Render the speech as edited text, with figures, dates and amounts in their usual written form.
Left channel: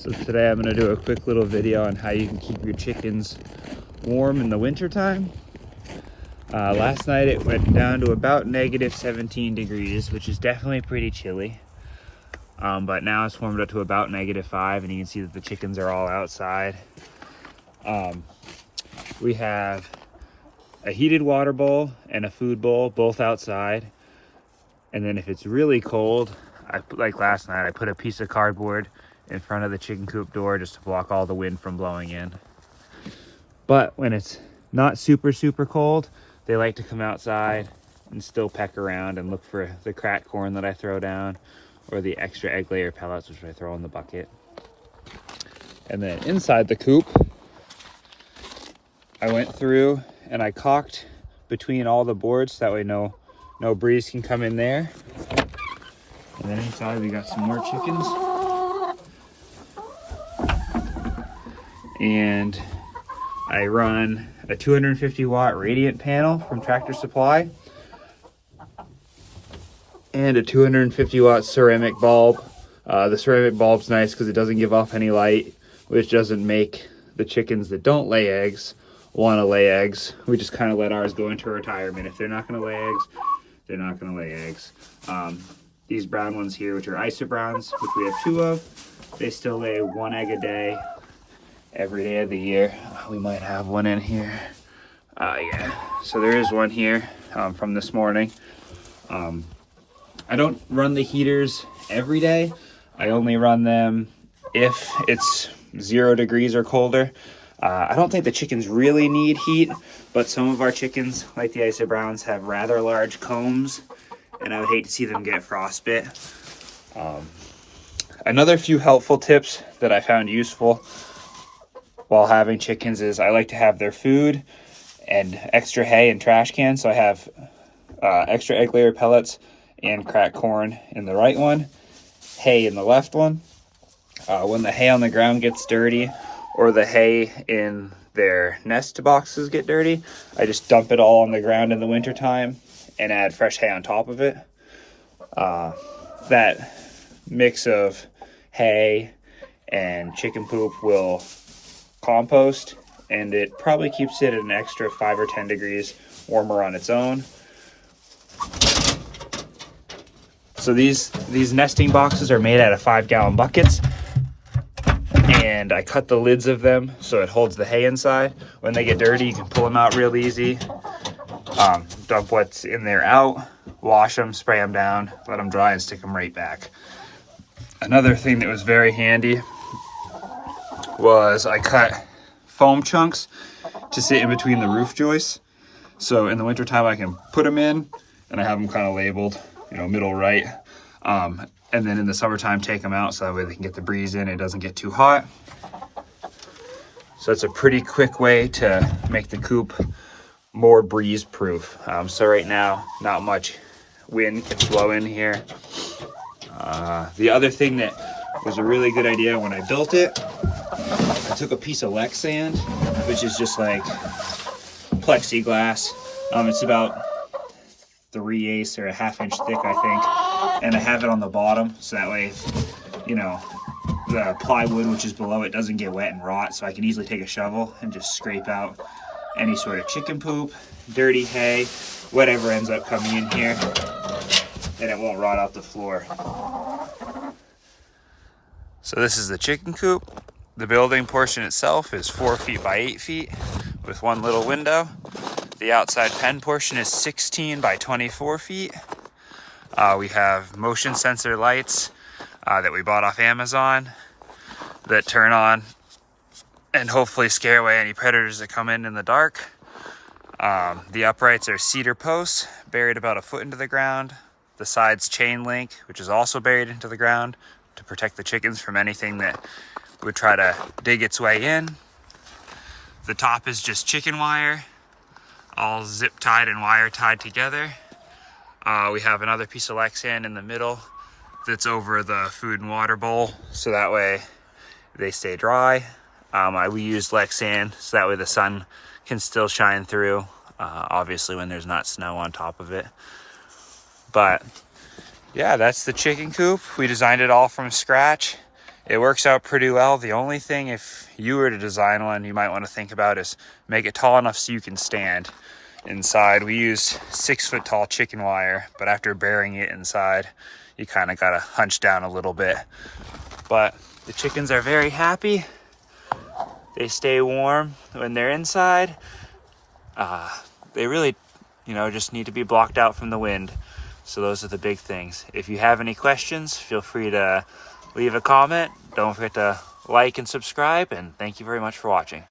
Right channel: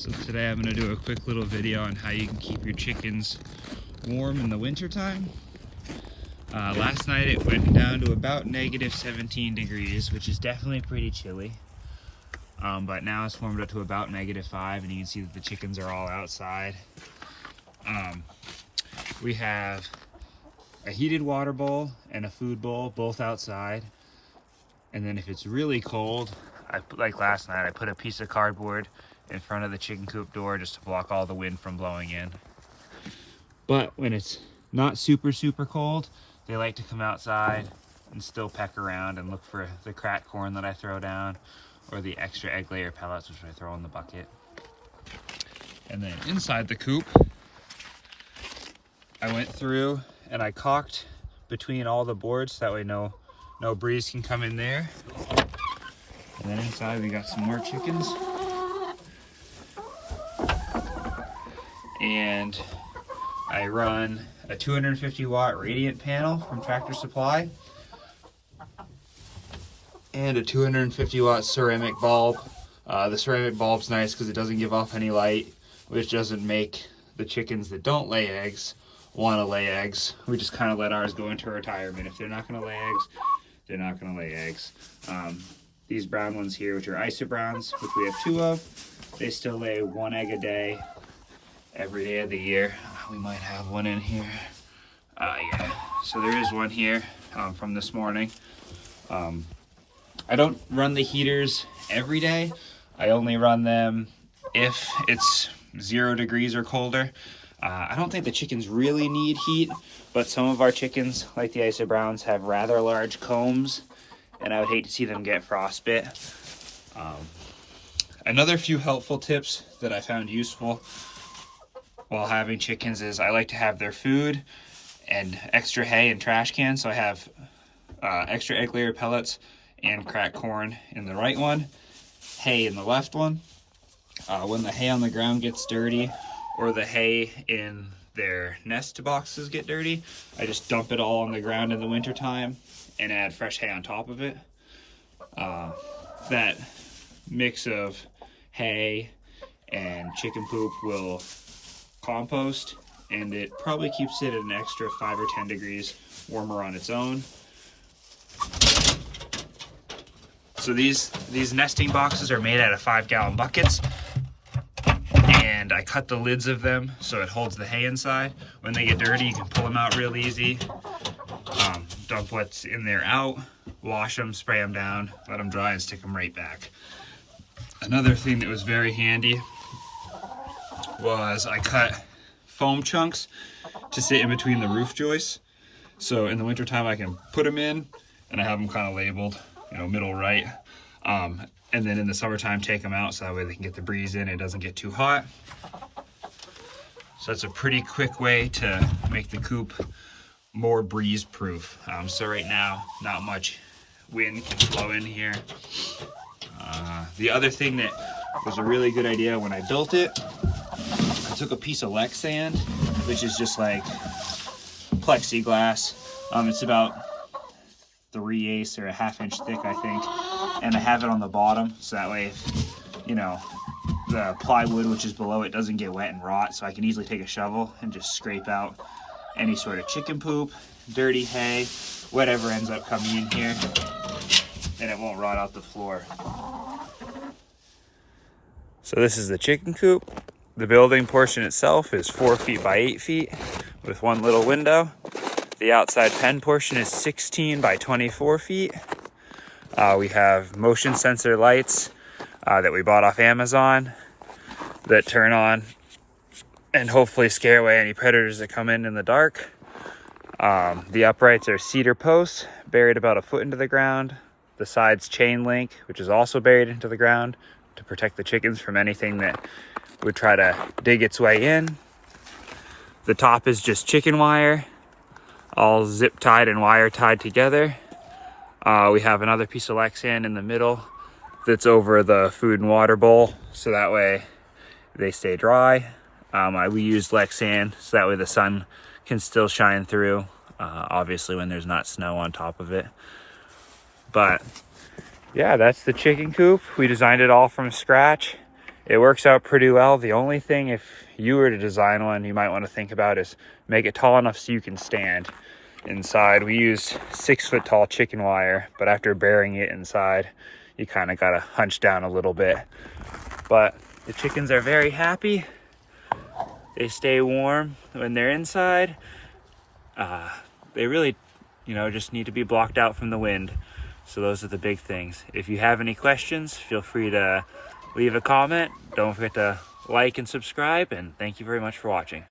So today I'm going to do a quick little video on how you can keep your chickens warm in the winter time. Last night it went down to about negative 17 degrees, which is definitely pretty chilly. But now it's warmed up to about negative 5, and you can see that the chickens are all outside. We have a heated water bowl and a food bowl, both outside. And then if it's really cold, like last night, I put a piece of cardboard in front of the chicken coop door just to block all the wind from blowing in. But when it's not super cold, they like to come outside and still peck around and look for the cracked corn that I throw down, or the extra egg layer pellets, which I throw in the bucket. And then inside the coop, I went through and I caulked between all the boards, so that way no breeze can come in there. And then inside we got some more chickens. And I run a 250 watt radiant panel from Tractor Supply and a 250 watt ceramic bulb. The ceramic bulb's nice because it doesn't give off any light, which doesn't make the chickens that don't lay eggs want to lay eggs. We just kind of let ours go into retirement. If they're not going to lay eggs, they're not going to lay eggs. These brown ones here, which are isobrowns, which we have 2 of, they still lay 1 egg a day every day of the year. We might have one in here. Yeah, so there is one here from this morning. I don't run the heaters every day. I only run them if it's 0 degrees or colder. I don't think the chickens really need heat, but some of our chickens, like the isobrowns, have rather large combs, and I would hate to see them get frostbite. Another few helpful tips that I found useful while having chickens is I like to have their food and extra hay and trash cans. So I have extra egg layer pellets and cracked corn in the right one, hay in the left one. When the hay on the ground gets dirty, or the hay in their nest boxes get dirty, I just dump it all on the ground in the winter time and add fresh hay on top of it. That mix of hay and chicken poop will compost, and it probably keeps it an extra 5 or 10 degrees warmer on its own. So these nesting boxes are made out of 5-gallon buckets, and I cut the lids of them so it holds the hay inside. When they get dirty, you can pull them out real easy. Dump what's in there out, wash them, spray them down, let them dry, and stick them right back. Another thing that was very handy was I cut foam chunks to sit in between the roof joists. So in the wintertime, I can put them in, and I have them kind of labeled, middle right. And then in the summertime, take them out so that way they can get the breeze in and it doesn't get too hot. So it's a pretty quick way to make the coop more breeze proof. So right now, not much wind can blow in here. The other thing that was a really good idea when I built it, I took a piece of Lex sand, which is just like plexiglass. It's about 3/8 or a 1/2 inch thick, I think. And I have it on the bottom, so that way, if, the plywood, which is below it, doesn't get wet and rot. So I can easily take a shovel and just scrape out any sort of chicken poop, dirty hay, whatever ends up coming in here, and it won't rot out the floor. So this is the chicken coop. The building portion itself is 4 feet by 8 feet with 1 little window. The outside pen portion is 16 by 24 feet. We have motion sensor lights that we bought off Amazon that turn on and hopefully scare away any predators that come in the dark. The uprights are cedar posts buried about 1 foot into the ground. The sides chain link, which is also buried into the ground to protect the chickens from anything that would try to dig its way in. The top is just chicken wire, all zip tied and wire tied together. We have another piece of Lexan in the middle that's over the food and water bowl, so that way they stay dry. We use Lexan so that way the sun can still shine through, obviously when there's not snow on top of it. But yeah, that's the chicken coop. We designed it all from scratch. it works out pretty well. The only thing, if you were to design one, you might want to think about is make it tall enough so you can stand inside. We use 6-foot tall chicken wire, but after burying it inside, you kind of got to hunch down a little bit. But the chickens are very happy. They stay warm when they're inside. They really, just need to be blocked out from the wind. So those are the big things. If you have any questions, feel free to leave a comment. Don't forget to like and subscribe, and thank you very much for watching.